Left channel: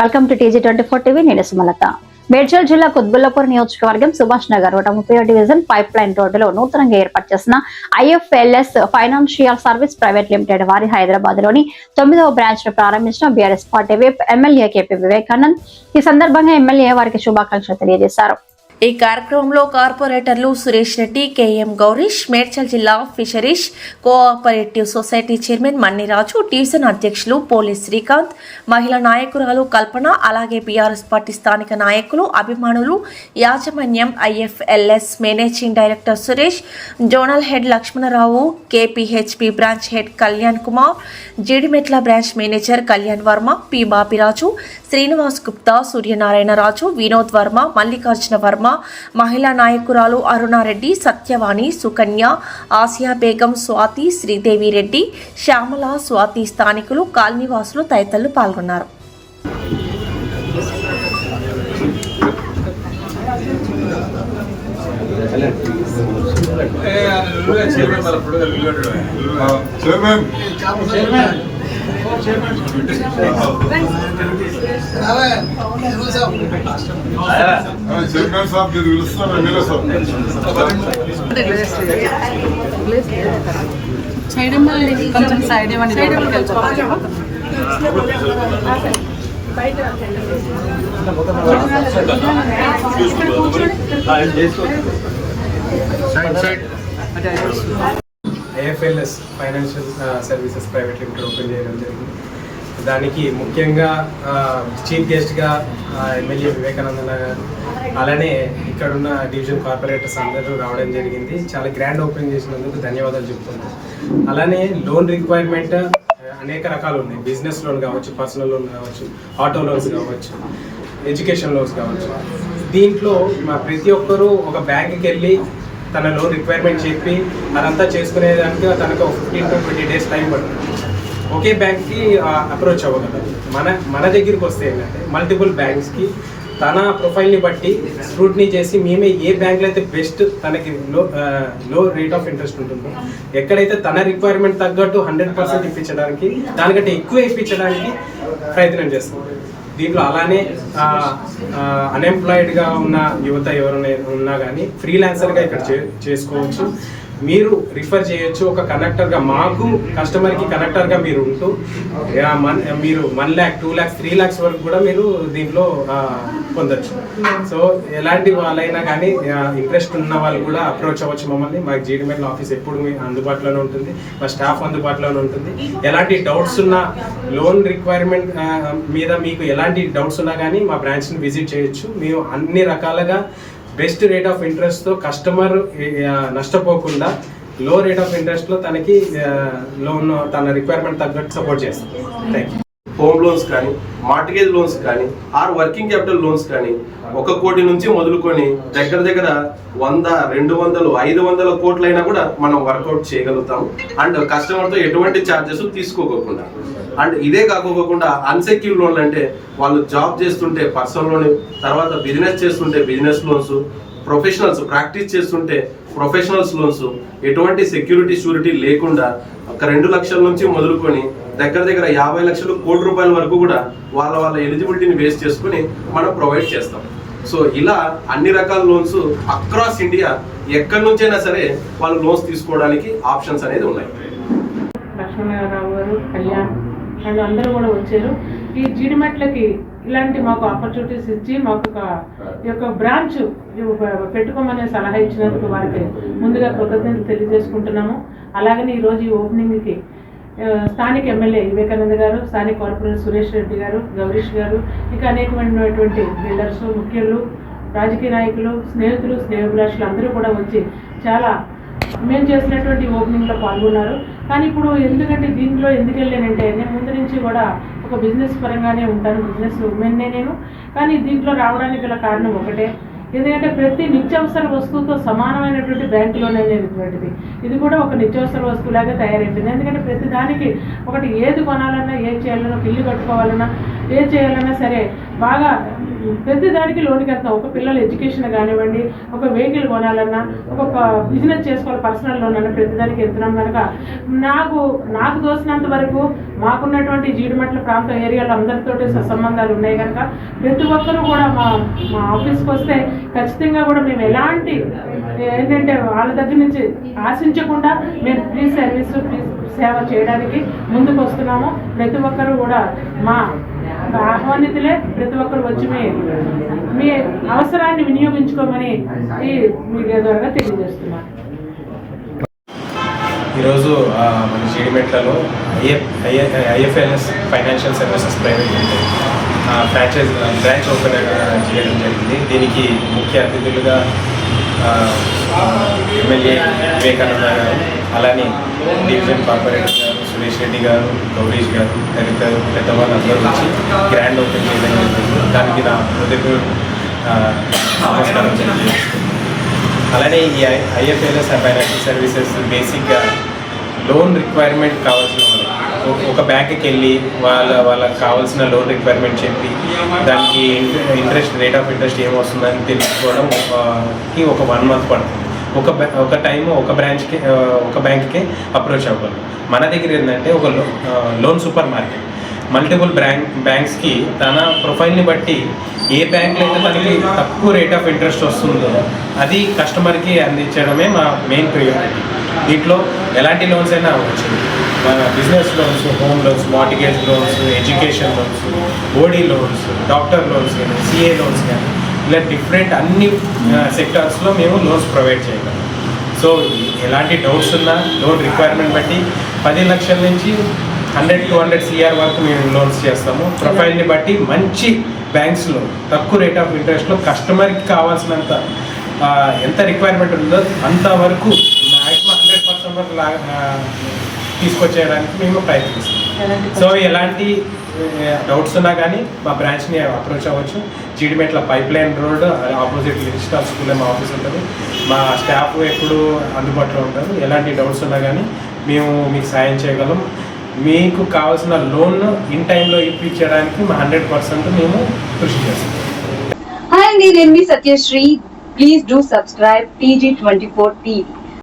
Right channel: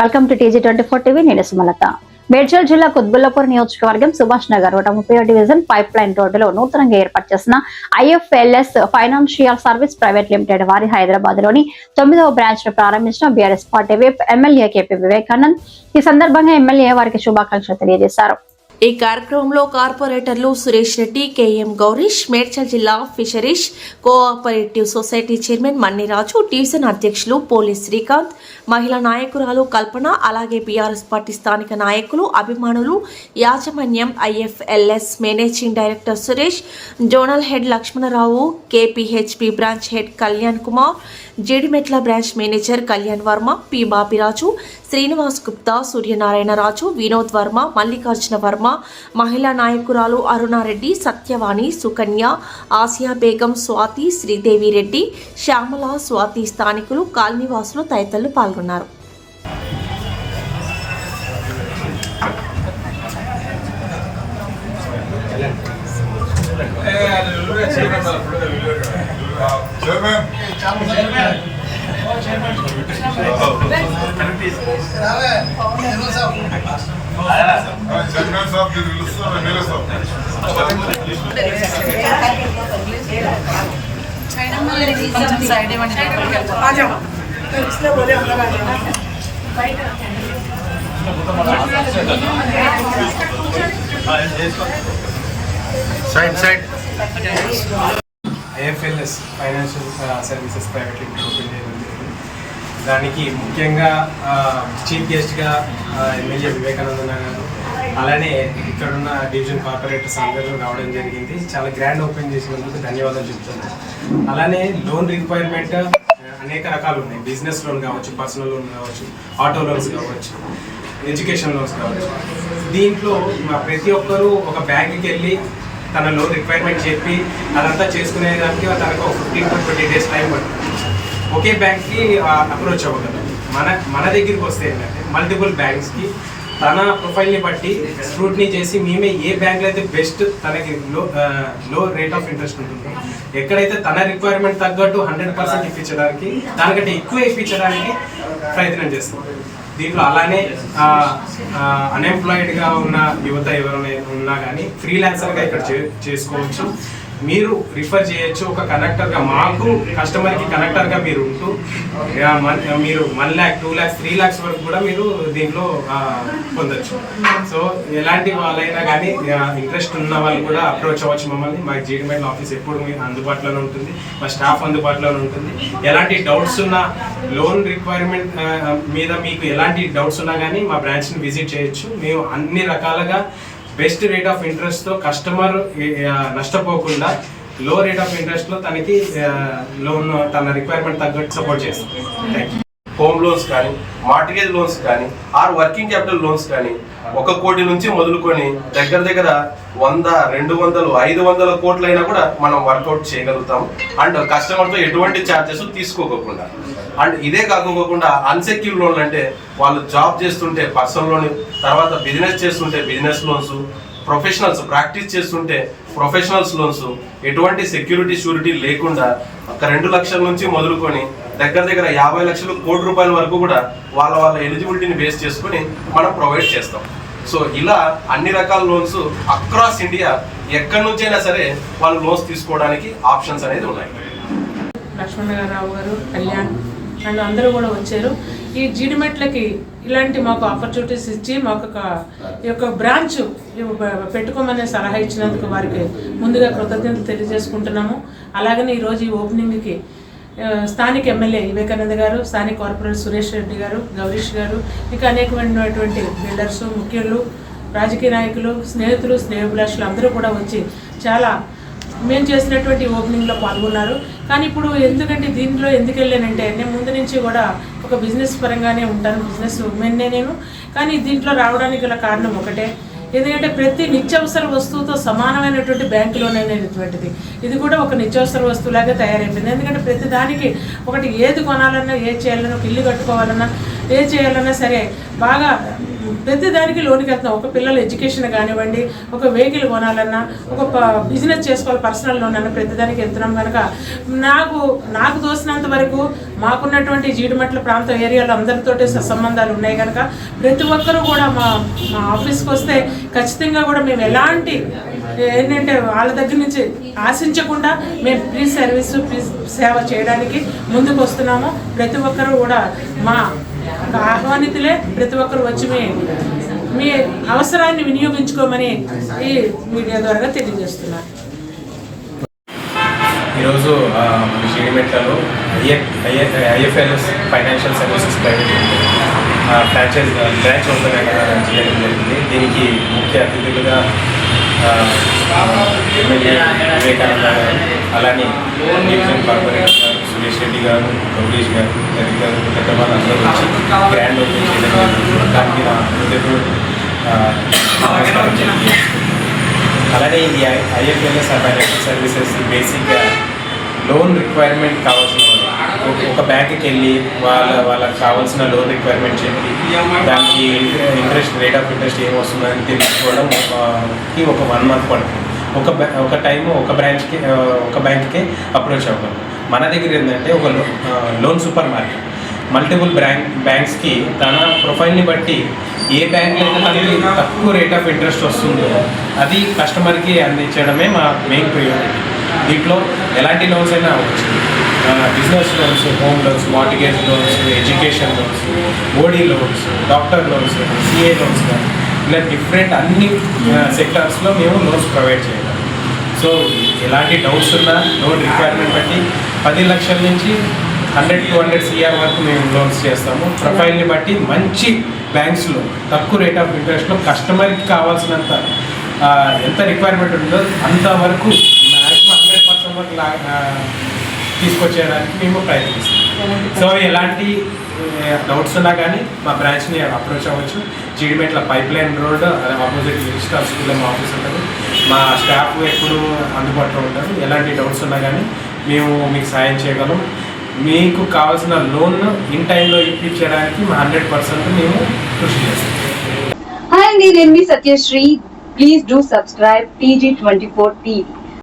Welcome to TG24 TV. నేను సుమలత. మేడ్చల్ జిల్లా కుత్బుల్లాపూర్ నియోజకవర్గం Subhash Nagar 130 division pipe line రోడ్డులో నూతనంగా ఏర్పాటు చేసిన IFLS financial service private limited వారి హైదరాబాద్ లోని 9వ బ్రాంచ్ ను ప్రారంభించిన BRS party whip MLA KP Vivekanand. ఈ సందర్భంగా ఎమ్మెల్యే వారికి శుభాకాంక్షలు తెలియజేశారు. ఈ కార్యక్రమంలో కార్పొరేటర్లు సురేష్ రెడ్డి, KM గౌరీష్, మేడ్చల్ జిల్లా fisheries cooperative society chairman Manniraju, division అధ్యక్షులు పోలీస్ శ్రీకాంత్, మహిళా నాయకురాలు కల్పన, అలాగే బీఆర్ఎస్ పార్టీ స్థానిక నాయకులు, అభిమానులు, యాజమాన్యం, IFLS managing director Suresh, zonal head Lakshmanarao, KPHP branch head Kalyan Kumar, Jeedimetla branch manager Kalyan Varma, P Bapiraju, Srinivas Gupta, Suryanarayana Raju, Vinod Varma, Mallikarjuna Varma, మహిళా నాయకురాలు అరుణారెడ్డి, సత్యవాణి, సుకన్య, ఆసియా బేగం, స్వాతి, శ్రీదేవి రెడ్డి, శ్యామల, స్వాతి, స్థానికులు, కాలనీవాసులు తదితరులు పాల్గొన్నారు. కొంచెం సైడ్ ఇవ్వండి. IFLS financial services private limited open చేయడం జరిగింది. దానికి ముఖ్యంగా చీఫ్ గెస్ట్గా ఎమ్మెల్యే వివేకానంద గారు, అలానే ఇక్కడున్న డివిజన్ కార్పొరేటర్స్ అందరూ రావడం జరిగింది. చాలా గ్రాండ్ ఓపెన్ చేసినందుకు ధన్యవాదాలు చెప్తున్నాను. అలానే లోన్ రిక్వైర్మెంట్ అనేక రకాలు ఉన్నాయి. బిజినెస్ లోన్ కావచ్చు, పర్సనల్ లోన్ కావచ్చు, ఆటో లోన్స్ కావచ్చు, ఎడ్యుకేషన్ లోన్స్ కావచ్చు. దీంట్లో మా ప్రతి ఒక్కరూ ఒక బ్యాంక్కి వెళ్ళి తన లోన్ రిక్వైర్మెంట్ చెప్పి అదంతా చేసుకునేదానికి తనకు ఒక 15 to 20 days టైం పడుతుంది. ఒకే బ్యాంక్కి అప్రోచ్ అవ్వగలరు. మన దగ్గరికి వస్తే ఏంటంటే మల్టిపుల్ బ్యాంక్స్కి తన ప్రొఫైల్ని బట్టి స్క్రూటినీ చేసి మేమే ఏ బ్యాంక్లో అయితే బెస్ట్ తనకి లో రేట్ ఆఫ్ ఇంట్రెస్ట్ ఉంటుందో, ఎక్కడైతే తన రిక్వైర్మెంట్ తగ్గట్టు 100% ఇప్పించడానికి, దానికంటే ఎక్కువ ఇప్పించడానికి ప్రయత్నం చేస్తాం. దీంట్లో అలానే అన్ఎంప్లాయిడ్గా ఉన్న యువత ఎవరైనా ఉన్నా కానీ ఫ్రీలాన్సర్గా ఇక్కడ చేసుకోవచ్చు. మీరు రిఫర్ చేయొచ్చు ఒక కనెక్టర్గా. మాకు కస్టమర్కి కనెక్టర్గా మీరు ఉంటూ మీరు 1 lakh, 2 lakhs, 3 lakhs వరకు కూడా మీరు దీంట్లో పొందొచ్చు. సో ఎలాంటి వాళ్ళైనా కానీ ఇంట్రెస్ట్ ఉన్న వాళ్ళు కూడా అప్రోచ్ అవ్వచ్చు మమ్మల్ని. మాకు జీడిమెట్ల ఆఫీస్ ఎప్పుడు అందుబాటులోనే ఉంటుంది, మా స్టాఫ్ అందుబాటులోనే ఉంటుంది. ఎలాంటి డౌట్స్ ఉన్నా, లోన్ రిక్వైర్మెంట్ మీద మీకు ఎలాంటి డౌట్స్ ఉన్నా కానీ మా బ్రాంచ్ని విజిట్ చేయొచ్చు. మేము అన్ని రకాలుగా బెస్ట్ రేట్ ఆఫ్ ఇంట్రెస్ట్తో కస్టమర్ నష్టపోకుండా లో రేట్ ఆఫ్ ఇంట్రెస్ట్లో తనకి లోన్ తన రిక్వైర్మెంట్ తగ్గట్టు సపోర్ట్ చేస్తాం. Thank you. హోమ్ లోన్స్ కానీ, మార్టిగేజ్ లోన్స్ కానీ, వర్కింగ్ క్యాపిటల్ లోన్స్ కానీ 1 కోటి నుంచి మొదలుకొని దగ్గర 100, 200, 500 కోట్లైనా కూడా మనం వర్కౌట్ చేయగలుగుతాము. అండ్ కస్టమర్తో ఎటువంటి ఛార్జెస్ తీసుకోకుండా. అండ్ ఇదే కాకపోకుండా అన్సెక్యూర్డ్ లోన్లు అంటే వాళ్ళు జాబ్ చేస్తుంటే పర్సనల్ లోన్, తర్వాత బిజినెస్ చేస్తుంటే బిజినెస్ లోన్స్, ప్రొఫెషనల్స్ ప్రాక్టీస్ చేస్తుంటే ప్రొఫెషనల్స్ లోన్స్, ఎటువంటి సెక్యూరిటీ షూరిటీ లేకుండా 2 లక్షల నుంచి మొదలుకొని దగ్గర 50 లక్షలు, ₹1 కోటి వరకు కూడా వాళ్ళ ఎలిజిబిలిటీని బేస్ చేసుకుని మనం ప్రొవైడ్ చేస్తాం. సో ఇలా అన్ని రకాల లోన్స్ అక్రాస్ ఇండియా ఎక్కడి నుంచైనా సరే వాళ్ళు లోన్స్ తీసుకోవడానికి ఆప్షన్స్ అనేది ఉన్నాయి. లక్ష్మణరావు గారు, కళ్యాణ్ అండ్ అందరూ కూడా వచ్చారు. ఈ జీడిమెట్లకి ఇలాంటి మాకు ఆపర్చునిటీస్ ఇచ్చి మాకు ఈ యొక్క బ్రాంచ్ పెట్టుకోమనే సలహా ఇచ్చినందుకు వారికి ముందుగా కృతజ్ఞతలు తెలియజేసుకుంటున్నాము. అలాగనే ఈరోజు ఈ ఓపెనింగ్కి స్థానిక ఎమ్మెల్యే వివేకానంద గారు, స్థానిక కార్పొరేటర్ సురేష్ రెడ్డి గారు, గౌరీష్ గారు, ఇంకా అనేకమైనటువంటి బిల్డర్స్, ముఖ్యులు, రాజకీయ నాయకులు, స్నేహితులు, స్నేహభిలాషులు అందరూ కూడా వచ్చి చాలా మేము చేసినటువంటి ఓపెనింగ్లో పాల్గొన్నారు. కానీ ఇప్పుడు ఎందుకంటే దీంట్లో ఎందుకు వెళ్ళానంటే నేను ముందు నుంచి కూడా ఒక బిజినెస్ పరంగానే ఉంటాను, బిజినెస్ ఉమెన్నే నేను. కానీ దీంట్లో రావడానికి గల కారణం ఒకటే, ఎందుకంటే ప్రతి నిత్యావసర వస్తువుతో సమానమైనటువంటి బ్యాంకు లోన్ అనేటువంటిది ఇది కూడా ఒక నిత్యావసర వస్తువులాగా తయారైపోయింది. ఎందుకంటే ప్రతి దానికి ఒకటి ఏది కొనాలన్నా, ఏది చేయాలన్నా, ఇల్లు కట్టుకోవాలన్నా ఏ చేయాలన్నా సరే బాగా ప్రతి దానికి లోన్కి వెళ్తున్నాం. ఒక పిల్లల ఎడ్యుకేషన్ కానివ్వండి, ఒక వెహికల్ కొనాలన్నా, ఒక బిజినెస్ చేసుకోవాలి, పర్సనల్ లోన్ అన్న ప్రతి దానికి వెళ్తున్నాం కనుక నాకు తోసినంత వరకు మాకున్నటువంటి జీడిమెట్ల ప్రాంతం ఏరియాలో అందరితోటి సంబంధాలు ఉన్నాయి కనుక ప్రతి ఒక్కరూ కూడా మా ఆఫీస్కి వస్తే ఖచ్చితంగా కూడా మేము ఎలాంటి ఏంటంటే వాళ్ళ దగ్గర నుంచి ఆశించకుండా మేము ఫ్రీ సర్వీసు ఫ్రీ సేవ చేయడానికి ముందుకు వస్తున్నాము. ప్రతి ఒక్కరూ కూడా మా ఆహ్వానితులే, ప్రతి ఒక్కరు వచ్చి మీ అవసరాన్ని వినియోగించుకోమని ఈ మీడియా ద్వారా తెలియజేస్తున్నాను. ఈరోజు మన జీడిమెట్లలో IFLS financial services private limited franchise branch open చేయడం జరిగింది. దీనికి ముఖ్య అతిథులుగా ఎమ్మెల్యే వివేకానంద గారు, అలానే డివిజన్ కార్పొరేటర్ గారు సురేష్ రెడ్డి గారు, గౌరీష్ గారు తదితర పెద్దవాళ్ళు అందరూ వచ్చి గ్రాండ్ ఓపెన్ చేయడం జరిగింది. దానికి నా హృదయపూర్వక నమస్కారం తెలియజేస్తున్నాను. అలానే ఇది ఐఎఫ్ఎల్ఎస్ ఫైనాన్షియల్ సర్వీసెస్ బేసిక్గా లోన్ రిక్వైర్మెంట్ కావాల్సిన ఒక బ్యాంక్కి వెళ్ళి వాళ్ళకి కావాల్సిన లోన్ రిక్వైర్మెంట్ చెప్పి దానికి ఇంట్రెస్ట్ రేట్ ఆఫ్ ఇంట్రెస్ట్ ఏమొస్తుందని తెలుసుకోవడంకి ఒక 1 month పడుతుంది. ఒక టైము ఒక బ్యాంక్కి అప్రోచ్ అవ్వగలం. మన దగ్గర ఏంటంటే ఒక లోన్ సూపర్ మార్కెట్, మల్టిపుల్ బ్యాంక్స్కి తన ప్రొఫైల్ని బట్టి ఏ బ్యాంక్లో అయితే తనకి తక్కువ రేట్ ఆఫ్ ఇంట్రెస్ట్ వస్తుందో అది కస్టమర్కి అందించడమే మా మెయిన్ ప్రియారిటీ. దీంట్లో ఎలాంటి లోన్స్ అయినా అవ్వచ్చు. Business loans, home loans, mortgage loans, education loans, OD loans, doctor loans, CA loans కానీ ఇలా డిఫరెంట్ అన్ని సెక్టార్స్లో మేము లోన్స్ ప్రొవైడ్ చేయగలం. సో ఎలాంటి డౌట్స్ ఉన్నా లోన్ రిక్వైర్మెంట్ బట్టి 10 లక్షల నుంచి 100-200 CR వరకు మేము లోన్స్ చేస్తాము. ప్రొఫైల్ని బట్టి మంచి బ్యాంక్స్లో తక్కువ రేట్ ఆఫ్ ఇంట్రెస్ట్లో కస్టమర్కి కావాల్సినంత ఎంత రిక్వైర్మెంట్ ఉందో అంతవరకు మ్యాక్సిమం 100% వరకు తీసుకొచ్చేయడానికి మేము ప్రయత్నిస్తాం. సో ఎలాంటి డౌట్స్ ఉన్నా కానీ మా బ్రాంచ్ని అప్రోచ్ అవ్వచ్చు. Jeedimetla pipe line road opposite registrar స్కూల్లో మా ఆఫీస్ ఉంటుంది. మా స్టాఫ్ ఎప్పుడు అందుబాటులో ఉంటారు. ఎలాంటి డౌట్స్ ఉన్నా కానీ మేము మీకు సాయం చేయగలం. మీకు కావాల్సిన లోన్ ఇన్ టైంలో ఇప్పించడానికి 100% మేము కృషి చేస్తాం. హాయ్ అండి, నేను మీ Satyasri. Please do subscribe TG24 TV.